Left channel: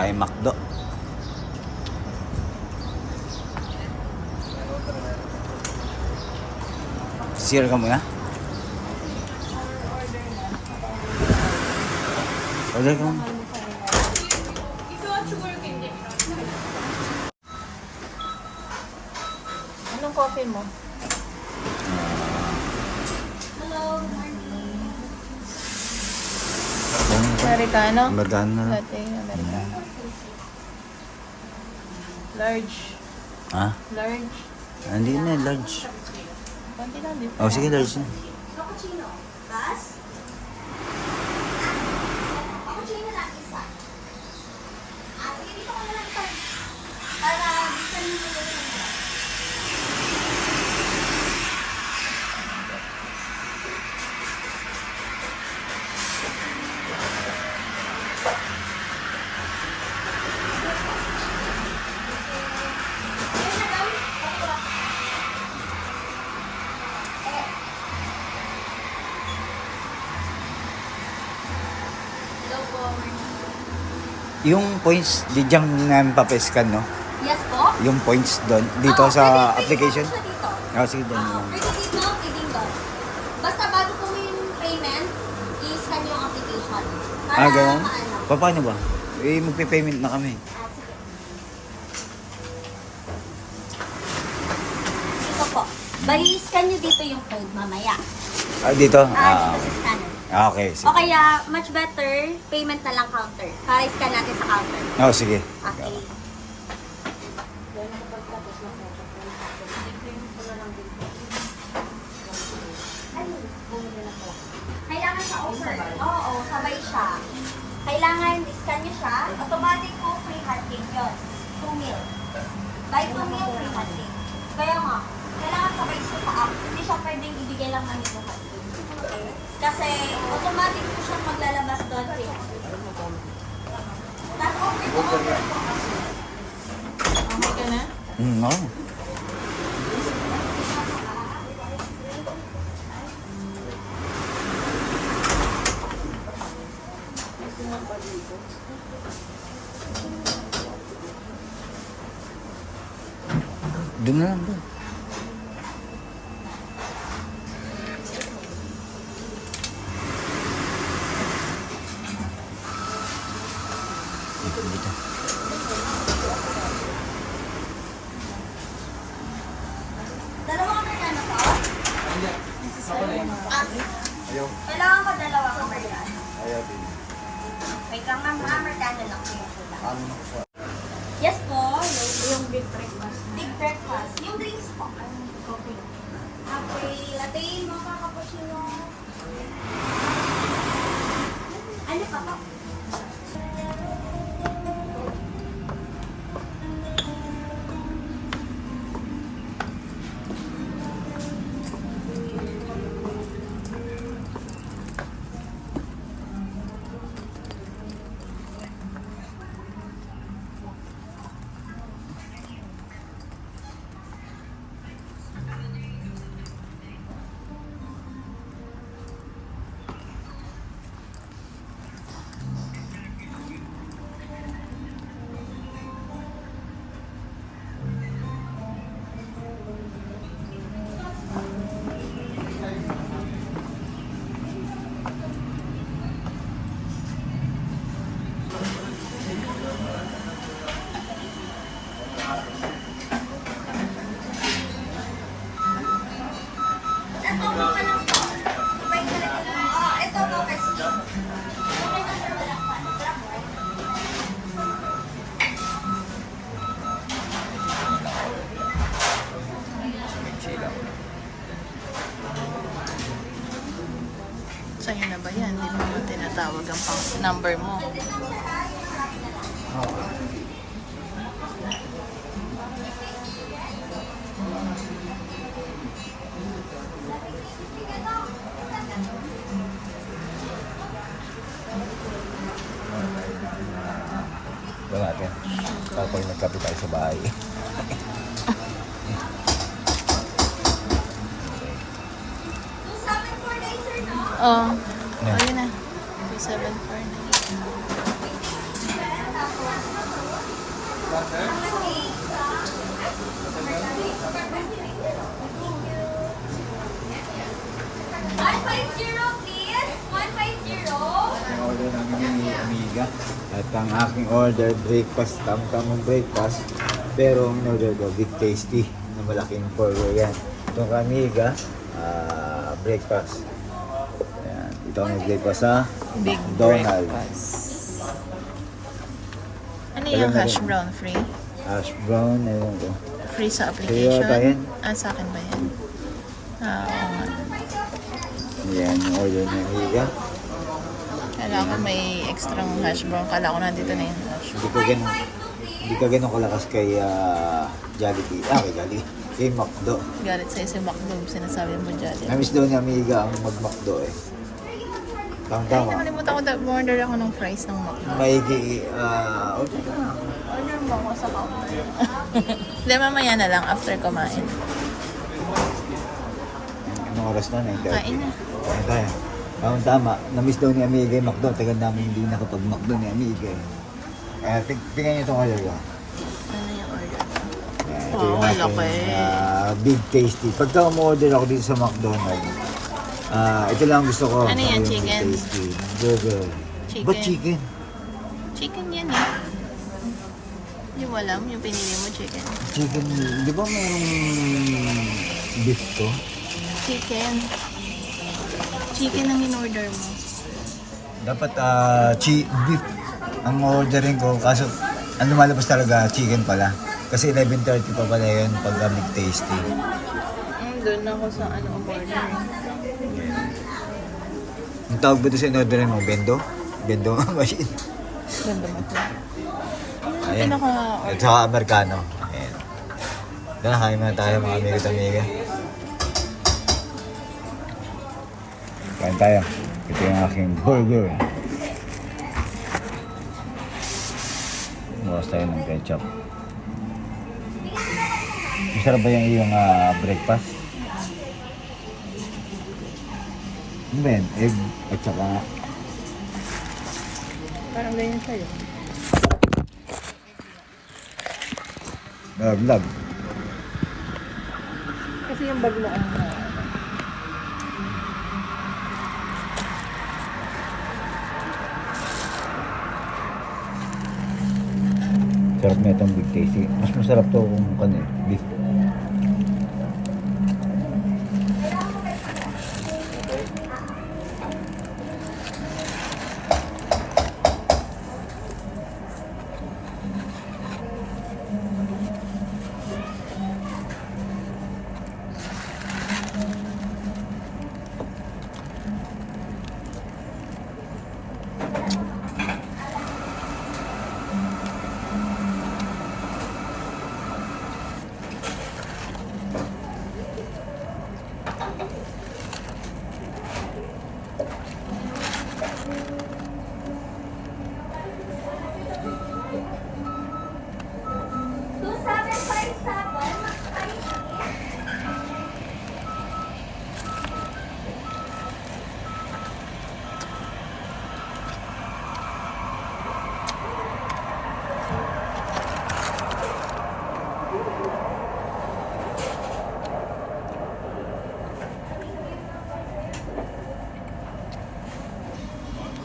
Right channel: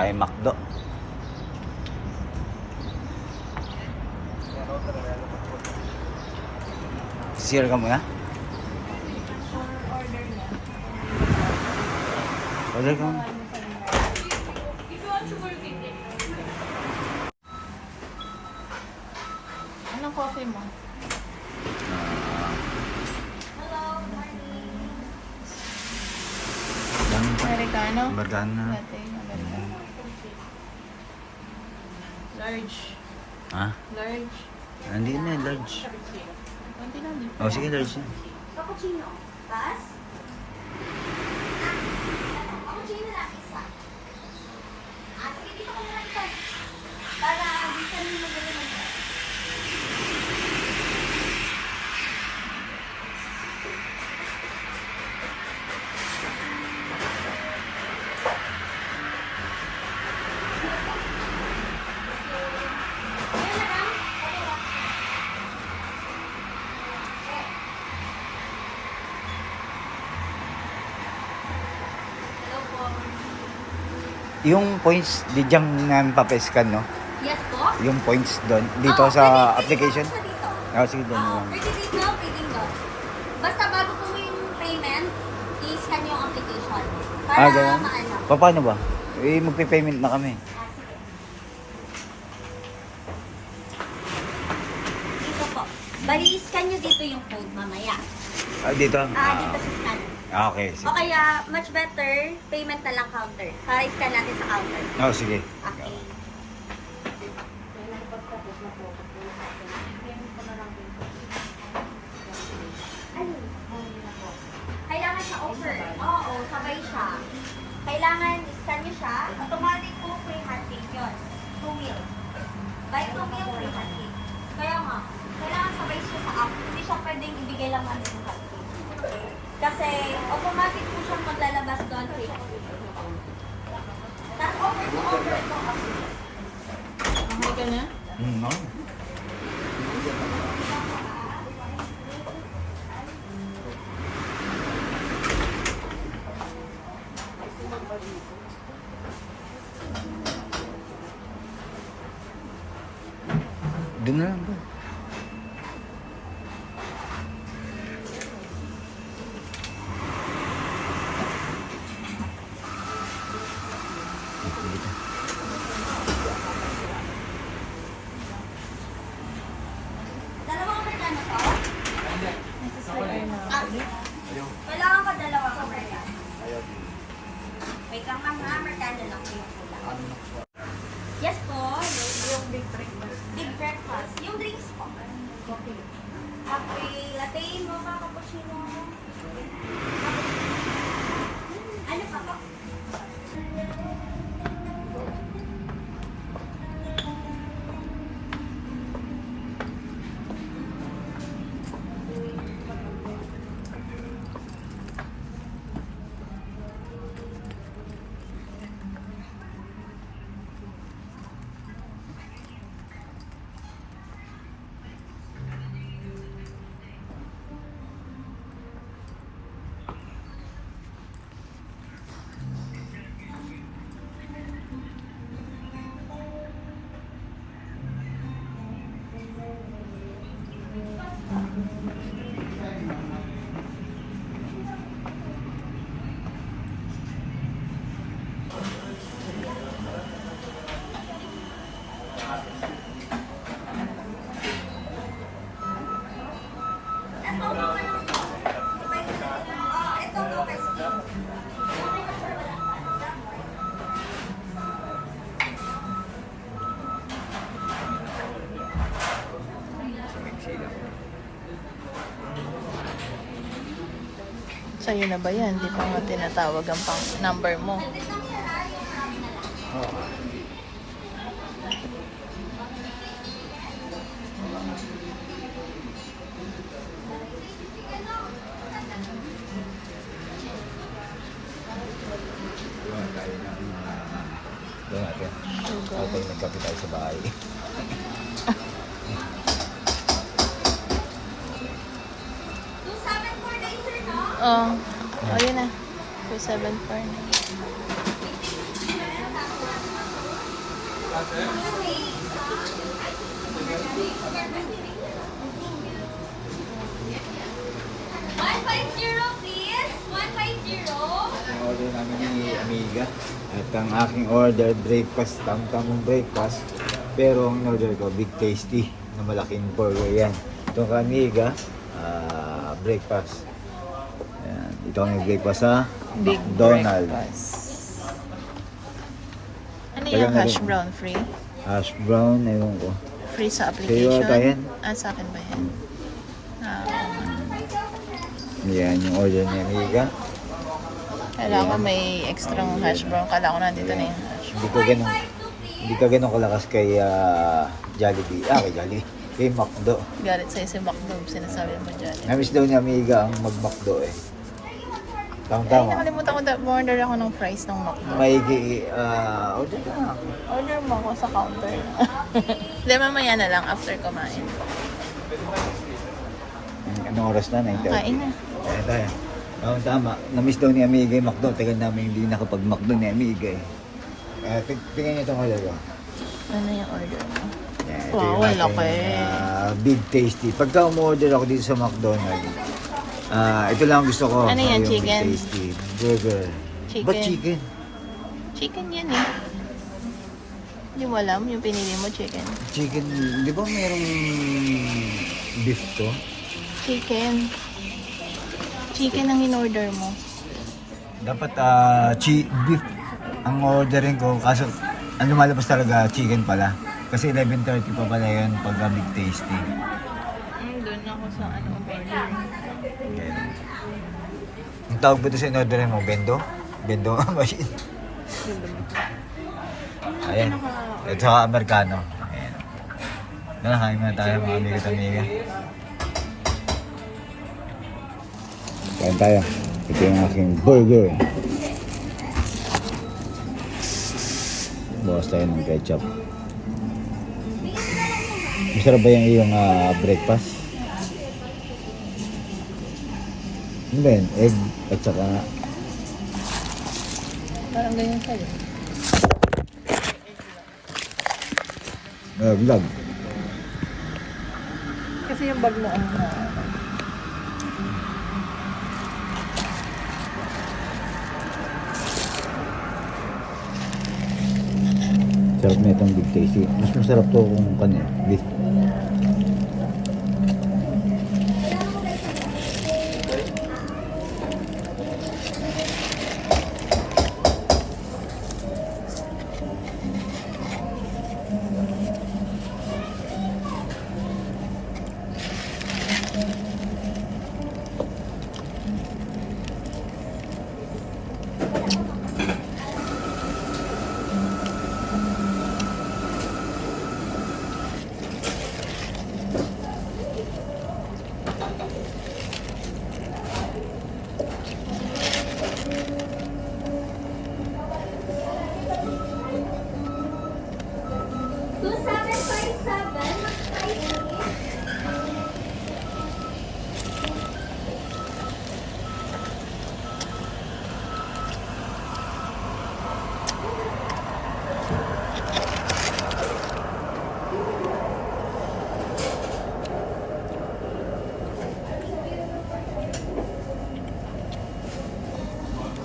Tayo McDo. Share ka muna. Order ka muna. Anong coffee mo? Americano? Americano. Latte, Americano. Large. Ha? Large. Hindi na, large. Konti lang din. Oh, sige, large na. Cappuccino. Bas? Cappuccino na isa. Sige, dito ko na lang ito. Para gusto niyo dito na ito. Yung points, di jam na papeskan, no? Yes po? Yung points doon, dito Oo, sa pwede application. po dito. Oh, sige, dyan Oo, lang. pwede dito, pwede doon. Basta bago po yung payment, i-scan yung application. Para Ganun? maano. Paano ba? Magpe-payment na kami. Sige. Dito po. Bali, i-scan nyo dito yung code mamaya. Dito? Dito sa scanner. Okay, sige. O kaya, much better, payment na lang counter. Para i-scan natin sa counter. Oh, sige. Okay. Kailangan siya offer. Oo, sabay siya. Kailangan i-scan nyo siya. Automatic po free handcake yun. 2 meal. Buy 2 meal, free handcake. Kaya nga, kailangan sabay siya sa app. Hindi siya pwedeng ibigay lang namin sa handcake. Kasi automatic po siyang maglalabas doon free handcake. Tapos offer to offer po kasi. Okay ka na? No. Doon na lang, doon. Dito. Dalawang Amerikano po? Kailangan ko dalawang Amerikano. Wait lang ma'am, Amerikano lang po yung kulang. Yes po, yung big breakfast. Big breakfast. Yung drinks po. Coffee. Coffee, latte, mocha, cappuccino. Ano pa po? Ito, mocha lang po. Ito, mocha stick. Okay na sir, wala pa. Sa'yo na ba yan? Di pa nga tinatawag ang pang number mo. Tapos nagkape tayo sa bahay. Oh, ayun na. 2749. please. 150. Ang order namin ni Amiga. At ang aking order, breakfast, tamtamong breakfast. Pero ang in-order ko, Big Tasty, na malaking burger yan. Itong kay Amiga, breakfast. Yan. Ito ang breakfast sa Big Donald. breakfast. Ano yung hash brown free? Hash brown, ayun ko. Free sa Sa'yo ba yan? application? Ah, sa akin ba yan? Ah, oo nga. Yan yung order ni Amiga. Kala ko may extra hash brown. Kala ko nandito na yung hash brown. Hindi ka ganun kalakas kay Jollibee. Kay Jollibee. Kay McDo. Galit sa'yo si McDo. Sinasabi mo dyan. Namiss daw ni Amiga ang mag-McDo eh. Ay, Tama-tama. nakalimutan ko. Order ako ng fries ng McDo. Maigi, order ka na. Order mo ako sa counter. Hindi, mamaya na lang after kumain. Anong oras na? 9:30. Kain mo. Kaya tayo. Tama-tama. Namiss daw ni Amiga yung McDo. Tagal namin hindi nakapag-McDo ni Amiga eh. Kaya tingnan niyo itong order ko. Ano yung order mo? Ito Wow, yung ang ating, laki. Big Tasty. Pagka umorder ako dito sa McDonald's, ito lang ang gusto ko. Ano yan, yung chicken? Big Tasty. Burger. Chicken. Ba't chicken? Chicken yan eh. Hindi mo alam yung pinili mo chicken. Chicken, di ba mayroong beef to? Chicken. Chicken ang in-order mo. Dapat beef ang ordering ko, kaso ang lumalabas talaga chicken pala. Kasi 11:30 pa pala yun pag Big Tasty. Doon ako sa order. Ang tawag ba ito sa in-order mo? Bendo? Bendo machine. Ayan. Ito sa Amerikano. Ayan. Doon, kain muna tayo mga amiga-amiga. Kain tayo. Ito yung aking burger. Bawas tayo ng ketchup. Masarap ba yung iyong breakfast? Ano ba yan? Egg at saka Parang ganyan sa'yo. vlog. Kasi yung bag mo. Sarap na itong Big Tasty. Mas masarap to kung beef.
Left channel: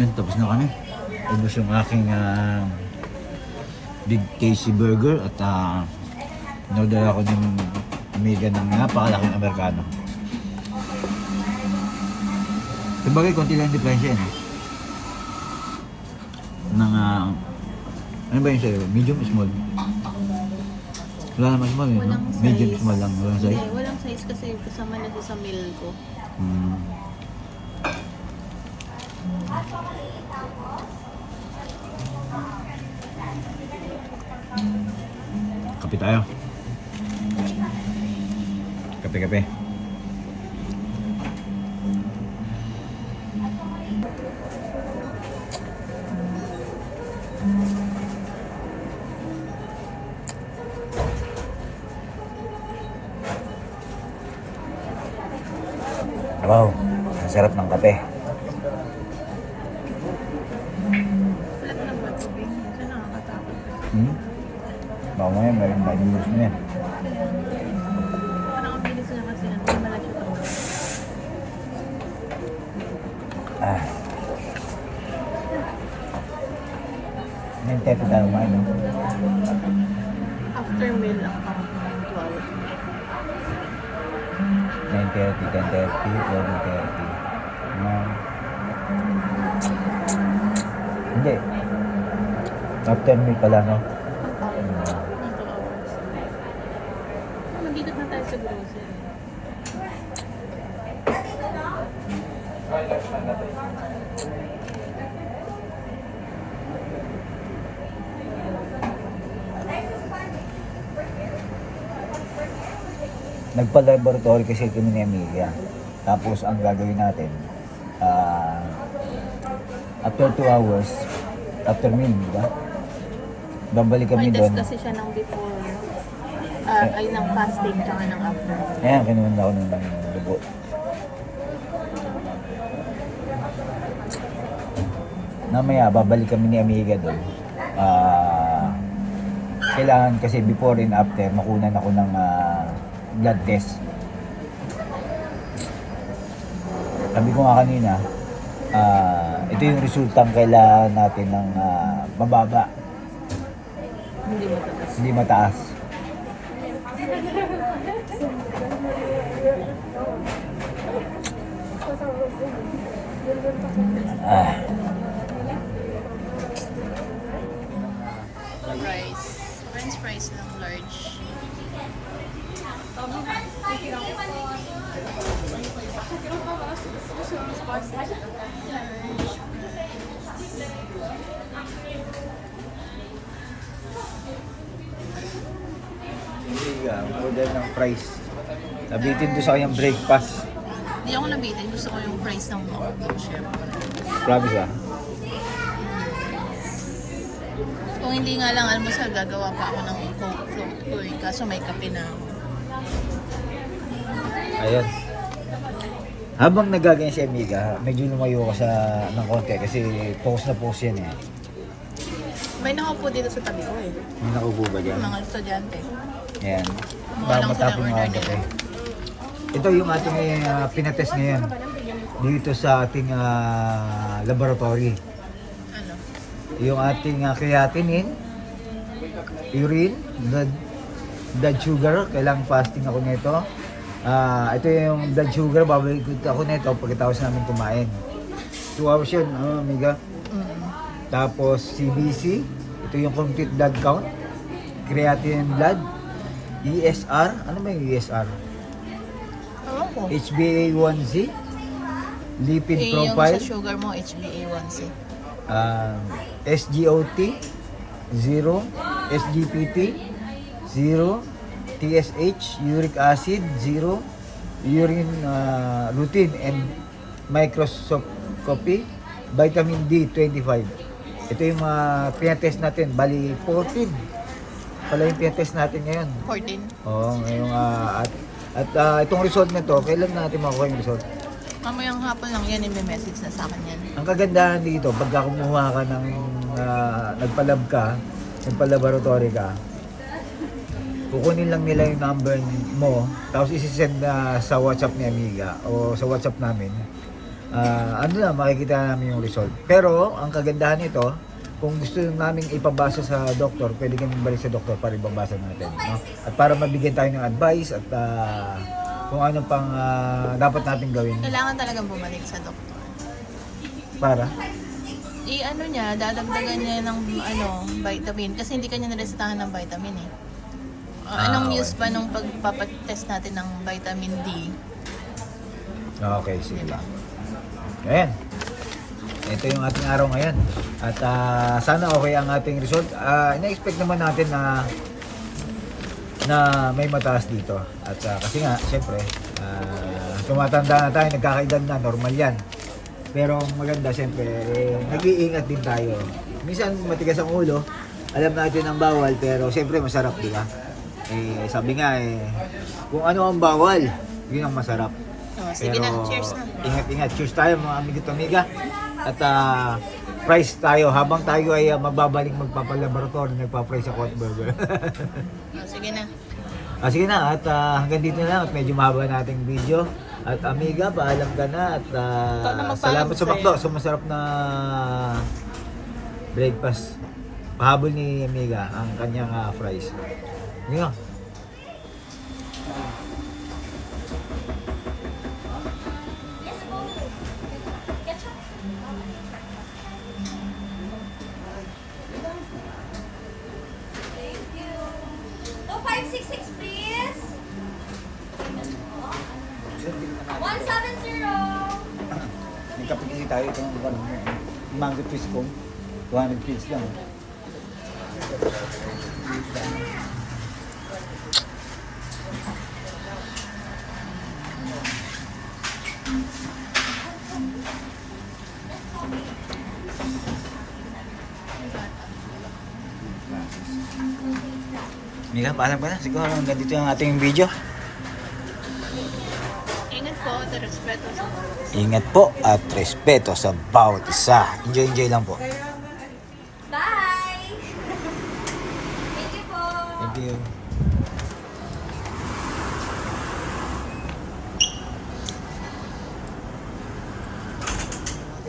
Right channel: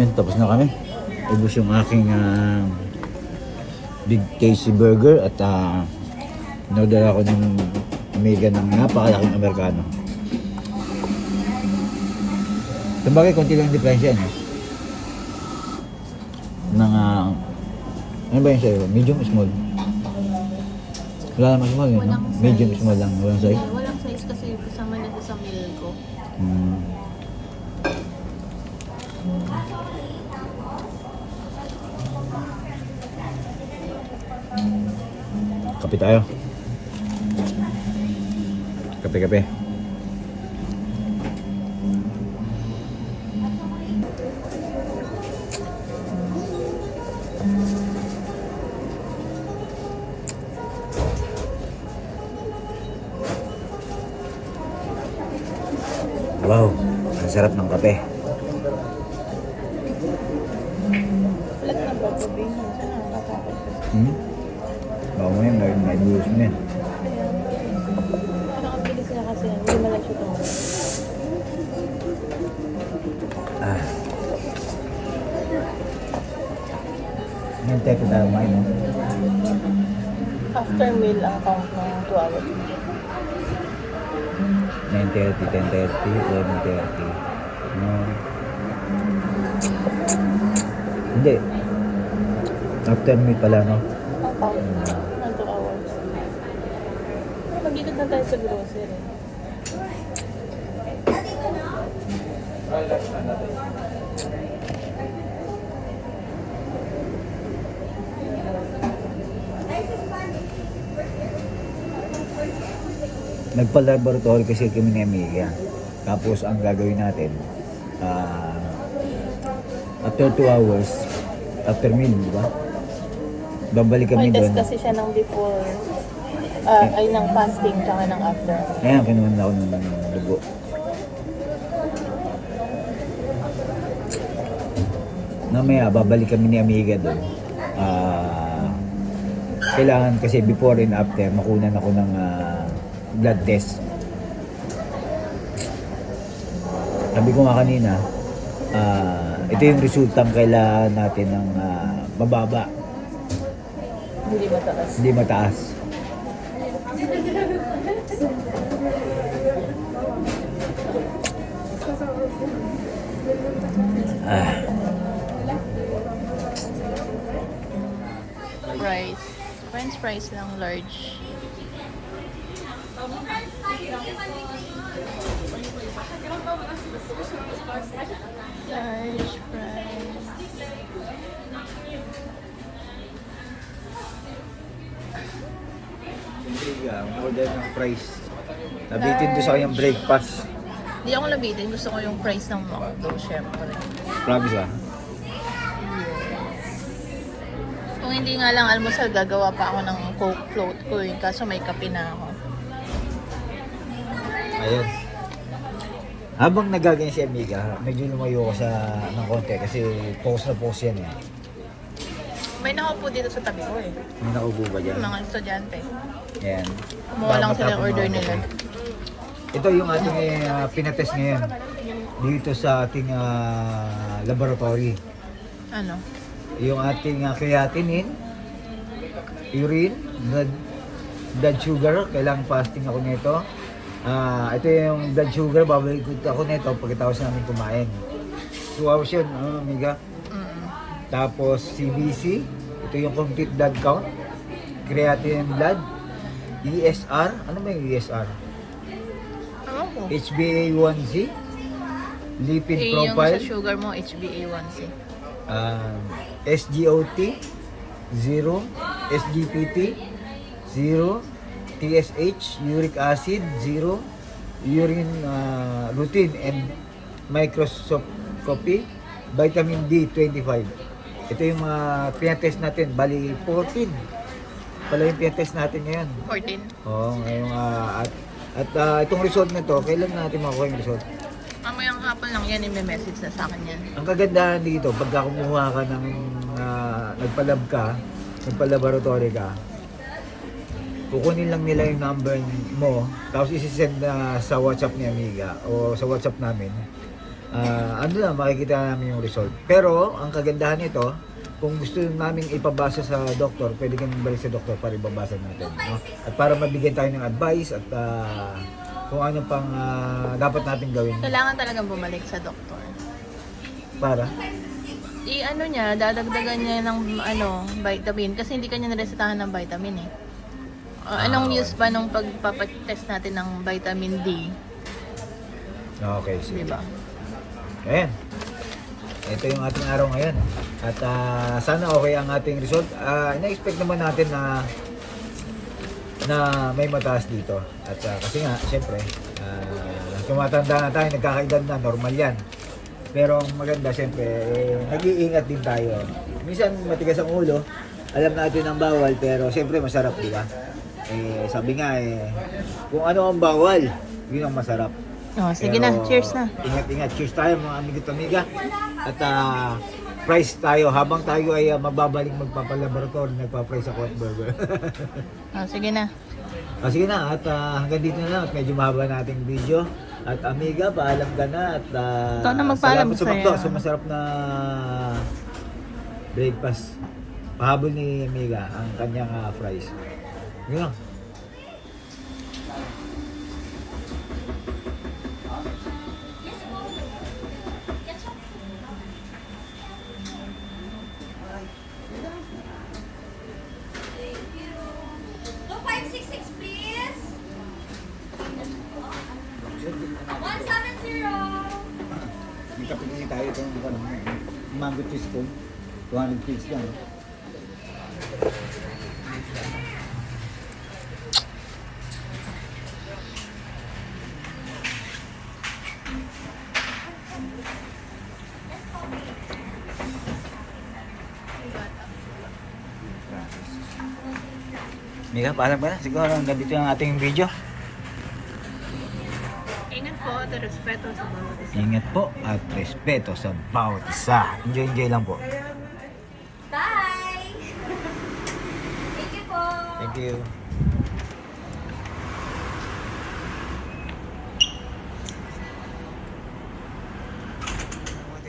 Yan, tapos na kami. Ubus yung aking Big Tasty Burger at in-order ako ng Amiga ng napakalaking Amerikano. Sabagay, konti lang yung diferensya, no? Ng, ano ba yung sa'yo? Medium, small? Wala naman small yun, no? Walang Medium, size. small lang. Walang size? Hindi, walang size kasi kasama na sa meal ko. Kape tayo. Kape. Wow, ang sarap ng kape. Flat lang ba ito? Minsan nakakatakot kasi. Mamaya, nag-use na yan. Parang ang bilis niya kasi, hindi man lang siya tumuloy. Ah. Ngayon, tepe tayo kumain, no? After meal ang count ng 2 hours. 9:30, 10:30, 11:30. Hindi. After meal pala, no? Ang count ng 2 hours. Mag-ikot na tayo sa grocery. Nagpa-laboratory kasi kami ni Amelia. Tapos ang gagawin natin, after 2 hours, after meal, di ba? Babalik kami May doon. test kasi siya ng before, ay ng fasting, tsaka ng after. Ayan, kinuha ako ng dugo. Namaya, babalik kami ni Amiga doon. Kailangan kasi before and after, makunan ako ng blood test. Sabi ko nga kanina, ito yung resultang kailangan natin ng mababa, Hindi mataas. hindi mataas. Fries. French fries lang, large. Amiga, order ng fries. Nabitin doon sa kanyang breakfast. Hindi ako nabitin. Gusto ko yung fries ng McDo, syempre. Promise ba? Kung hindi nga lang almusal, gagawa pa ako ng Coke float ko eh. Kaso may kape na ako. Ayun. Habang nagaganyan si Amiga, medyo lumayo ko sa ng konti kasi post na post yan eh. May nakaupo dito sa tabi ko eh. May nakaupo ba dyan? Mga estudyante. Yan. Kumuha lang sila Matapang order mga nila. kape. Ito yung ating pinatest ngayon dito sa ating laboratory. Ano? Yung ating creatinine, urine, blood sugar, kailangan fasting ako nito. Ito yung blood sugar, babalik ako nito pagkatapos namin kumain. 2 hours yun, Amiga. Tapos CBC, ito yung complete blood count, creatinine blood, ESR, ano ba yung ESR? Ewan ko. HbA1c, lipid Eh, yung profile, sa sugar mo, HbA1c. SGOT 0, SGPT 0, TSH, uric acid 0, urine routine and microscopy, vitamin D 25. Ito yung mga pinatest natin, bali 14 pala yung pinatest natin ngayon. 14. Oo, ngayong at itong result na to, kailan natin makuha yung result? Mamayang hapon lang yan, i-message na sa akin yan. Ang kagandahan dito, pagka kumuha ka ng nagpalab ka, nagpalaboratory ka, kukunin lang nila yung number mo, tapos isi-send na sa WhatsApp ni Amiga o sa WhatsApp namin. Ano na, makikita namin yung result. Pero, ang kagandahan nito, kung gusto namin ipabasa sa doktor, pwede kami balik sa doktor para ibabasa natin. No? At para mabigyan tayo ng advice at kung ano pang dapat natin gawin. Kailangan talagang bumalik sa doktor. Para? I-ano niya, dadagdagan niya ng vitamin kasi hindi kanya naresetahan ng vitamin eh. Anong okay. use pa nung pagpapatest natin ng vitamin D? Okay, sige. Diba? Ayan. Ito yung ating araw ngayon. At sana okay ang ating result. Ina-expect naman natin na may mataas dito. At kasi nga, siyempre, tumatanda na tayo, nagkakaedad na, normal yan. Pero ang maganda, siyempre, nag-iingat din tayo. Minsan matigas ang ulo, alam natin ang bawal, pero siyempre masarap, di ba? Sabi nga kung ano ang bawal, yun ang masarap. Sige na, cheers na. Ingat-ingat. Cheers tayo mga amigo at amiga. At price tayo habang tayo ay magbabalik magpapalaboratory, nagpa-price ako at burger. Sige na. Sige na, at hanggang dito na lang at medyo mahaba nating video. At amiga, paalam ka na at magpaalam salamat sa sa'yo. McDo sa masarap na breakfast. Pahabol ni amiga ang kanyang fries. Yun lang. Yes po. Ketchup. Thank you. 2566 please. 170. Nagkapagkisi tayo itong mango cheese kong 200 piece lang. Mika, paalam ka na. Siguro nandito ang ating video. Ingat po at respeto sa bawat isa. Ingat po at respeto sa bawat isa. Enjoy lang po. Bye. Thank you po. Thank you.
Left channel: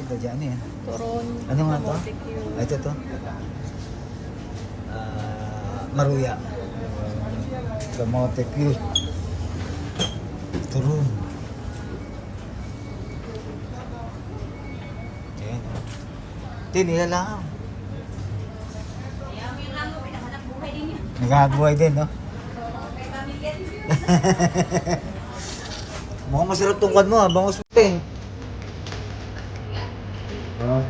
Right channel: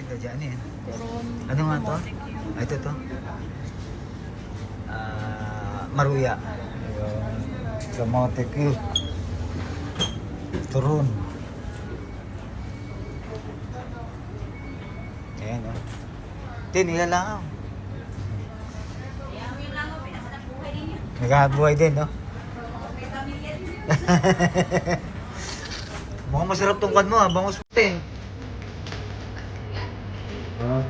Ito dyan yan. Ano nga to? Ito to. Maruya. Kamote Q. Turun. Ayan o. Ito, nilalangaw. Naghahabuhay din, no? Mukhang masarap tong kwan mo, ha? Bangus mo. Oh.